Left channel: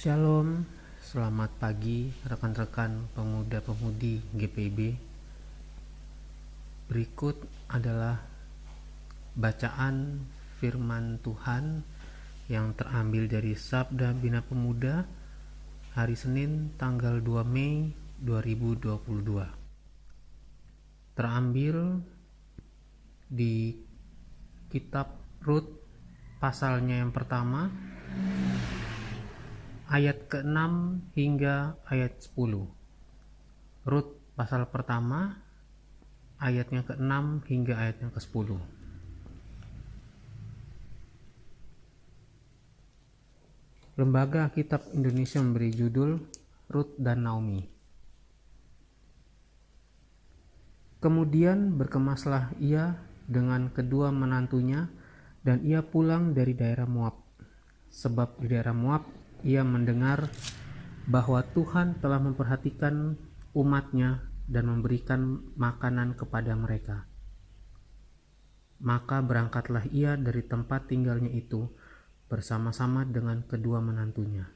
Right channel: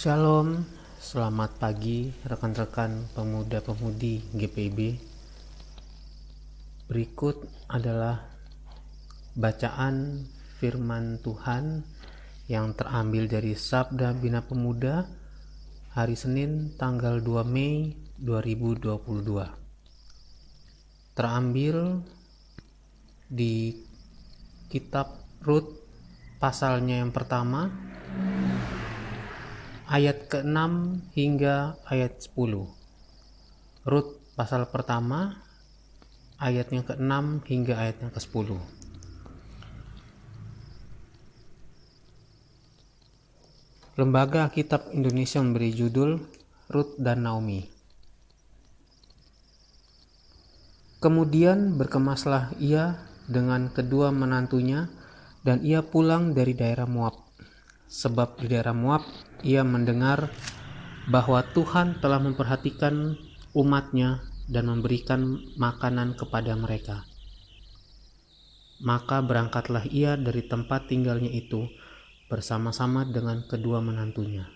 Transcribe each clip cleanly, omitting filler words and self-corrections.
Shalom, selamat pagi rekan-rekan pemuda-pemudi GPIB. Berikut adalah bacaan firman Tuhan yang terambil dari Sabda Bina Pemuda hari Senin tanggal 2 Mei 2022. Terambil di kitab Rut pasalnya yang pertama ayat ke-6 hingga ayat 10. Rut pasal pertama ayatnya ke-6 hingga ayatnya ke-10. Lembaga Alkitab Indonesia memberi judul Rut dan Naomi. Kemudian berkemaslah ia dengan kedua menantunya dan ia pulang dari daerah Moab. Sebab di daerah Moab ia mendengar bahwa Tuhan telah memperhatikan umatnya dan memberikan makanan kepada mereka. Maka berangkatlah ia dari tempat tinggalnya itu bersama-sama dengan kedua menantunya.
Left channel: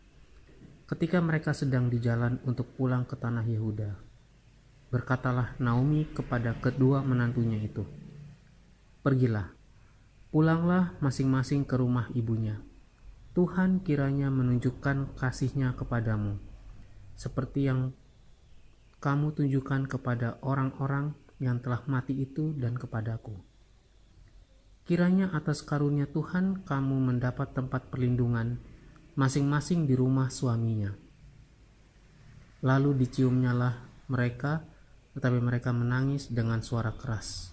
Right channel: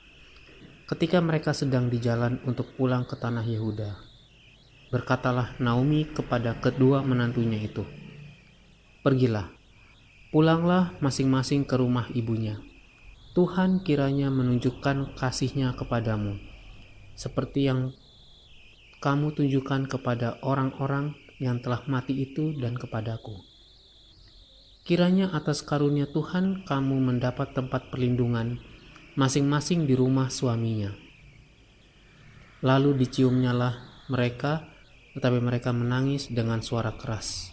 Ketika mereka sedang di jalan untuk pulang ke tanah Yehuda, berkatalah Naomi kepada kedua menantunya itu, "Pergilah, pulanglah masing-masing ke rumah ibunya. Tuhan kiranya menunjukkan kasih-Nya kepadamu, seperti yang kamu tunjukkan kepada orang-orang yang telah mati itu dan kepadaku. Kiranya atas karunia Tuhan kamu mendapat tempat perlindungan masing-masing di rumah suaminya." Lalu diciumnyalah mereka, tetapi mereka menangis dengan suara keras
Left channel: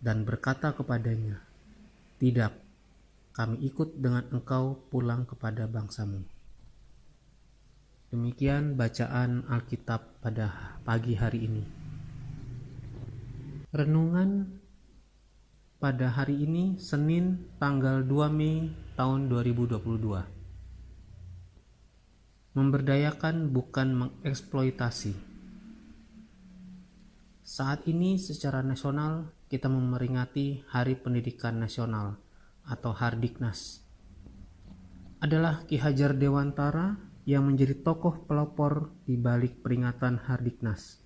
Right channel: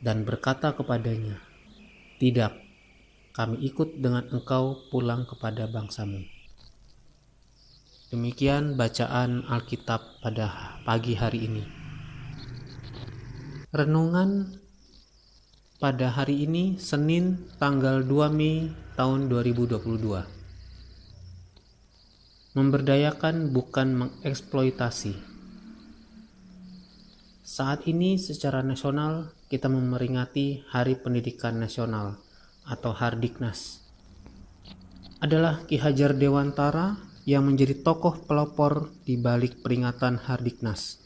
dan berkata kepadanya, "Tidak, kami ikut dengan engkau pulang kepada bangsamu." Demikian bacaan Alkitab pada pagi hari ini. Renungan pada hari ini Senin tanggal 2 Mei tahun 2022. Memberdayakan bukan mengeksploitasi. Saat ini secara nasional kita memperingati Hari Pendidikan Nasional atau Hardiknas. Adalah Ki Hajar Dewantara yang menjadi tokoh pelopor di balik peringatan Hardiknas.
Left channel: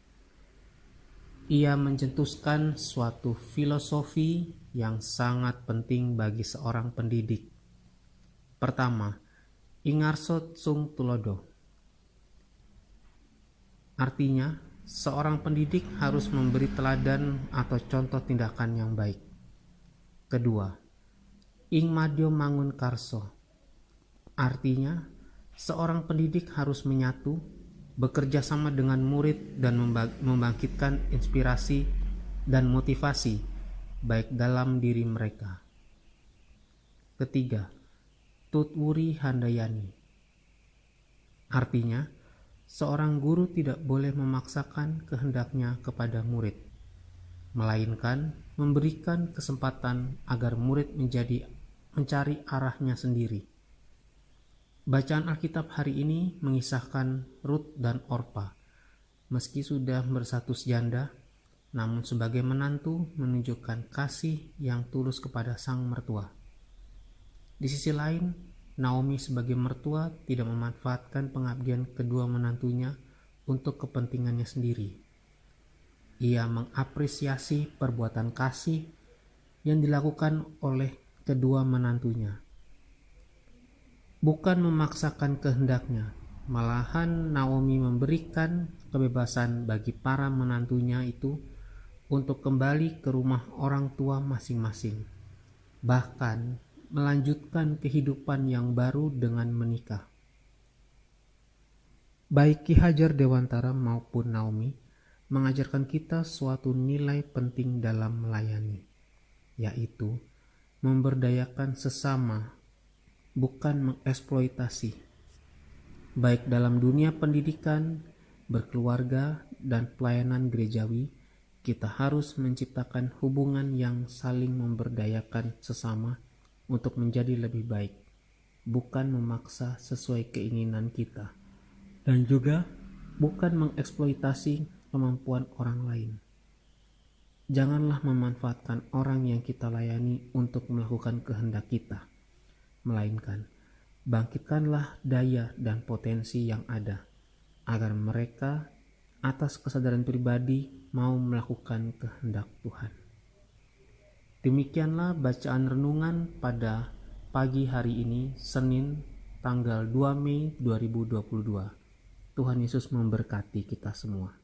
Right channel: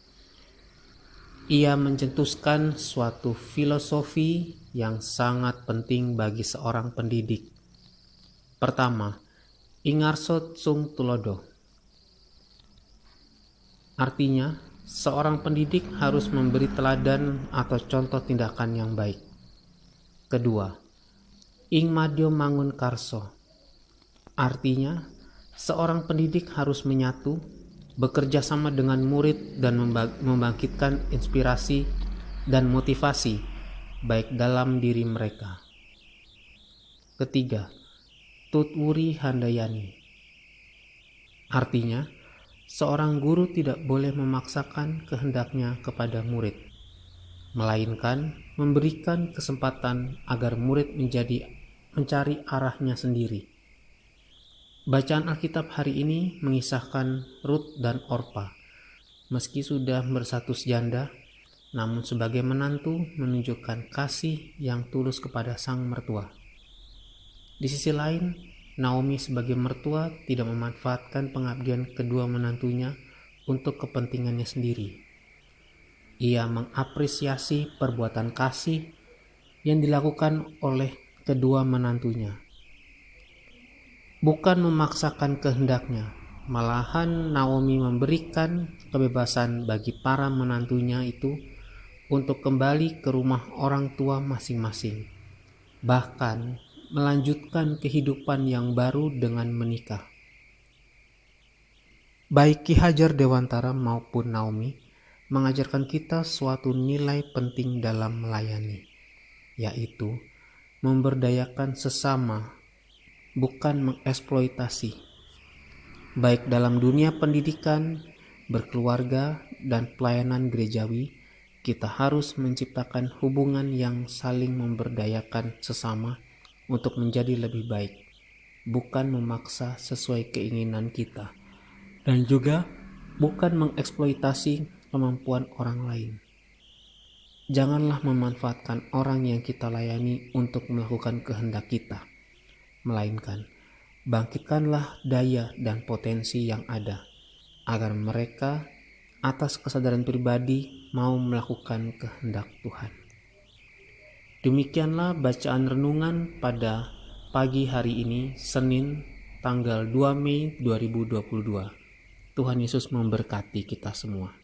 Ia mencetuskan suatu filosofi yang sangat penting bagi seorang pendidik. Pertama, Ingarsot sung tulodo. Artinya, seorang pendidik harus memberi teladan atau contoh tindakan yang baik. Kedua, ing madyo mangun karso. Artinya, seorang pendidik harus menyatu, bekerja sama dengan murid dan membangkitkan inspirasi dan motivasi baik dalam diri mereka. Ketiga, tutwuri handayani. Artinya, seorang guru tidak boleh memaksakan kehendaknya kepada murid, melainkan memberikan kesempatan agar murid mencari arahnya sendiri. Bacaan Alkitab hari ini mengisahkan Rut dan Orpa. Meski sudah berstatus janda, namun sebagai menantu menunjukkan kasih yang tulus kepada sang mertua. Di sisi lain, Naomi sebagai mertua tidak memanfaatkan pengabdian kedua menantunya untuk kepentingannya sendiri. Ia mengapresiasi perbuatan kasih yang dilakukan oleh kedua menantunya. Bukan memaksakan kehendaknya, malahan Naomi memberikan kebebasan bagi para menantunya itu untuk kembali ke rumah orang tua masing-masing, bahkan melanjutkan kehidupan yang baru dengan menikah. Baik Ki Hajar Dewantara maupun Naomi mengajarkan kita suatu nilai penting dalam melayani, yaitu memberdayakan sesama, bukan mengeksploitasi. Baik dalam dunia pendidikan, berkeluarga, dan pelayanan gerejawi, kita harus menciptakan hubungan yang saling memberdayakan sesama untuk menjadi lebih baik, bukan memaksa sesuai keinginan kita, dan juga bukan mengeksploitasi kemampuan orang lain. Janganlah memanfaatkan orang yang kita layani untuk melakukan kehendak kita, melainkan Bangkitkanlah daya dan potensi yang ada, agar mereka atas kesadaran pribadi mau melakukan kehendak Tuhan. Demikianlah bacaan renungan pada pagi hari ini, Senin tanggal 2 Mei 2022. Tuhan Yesus memberkati kita semua.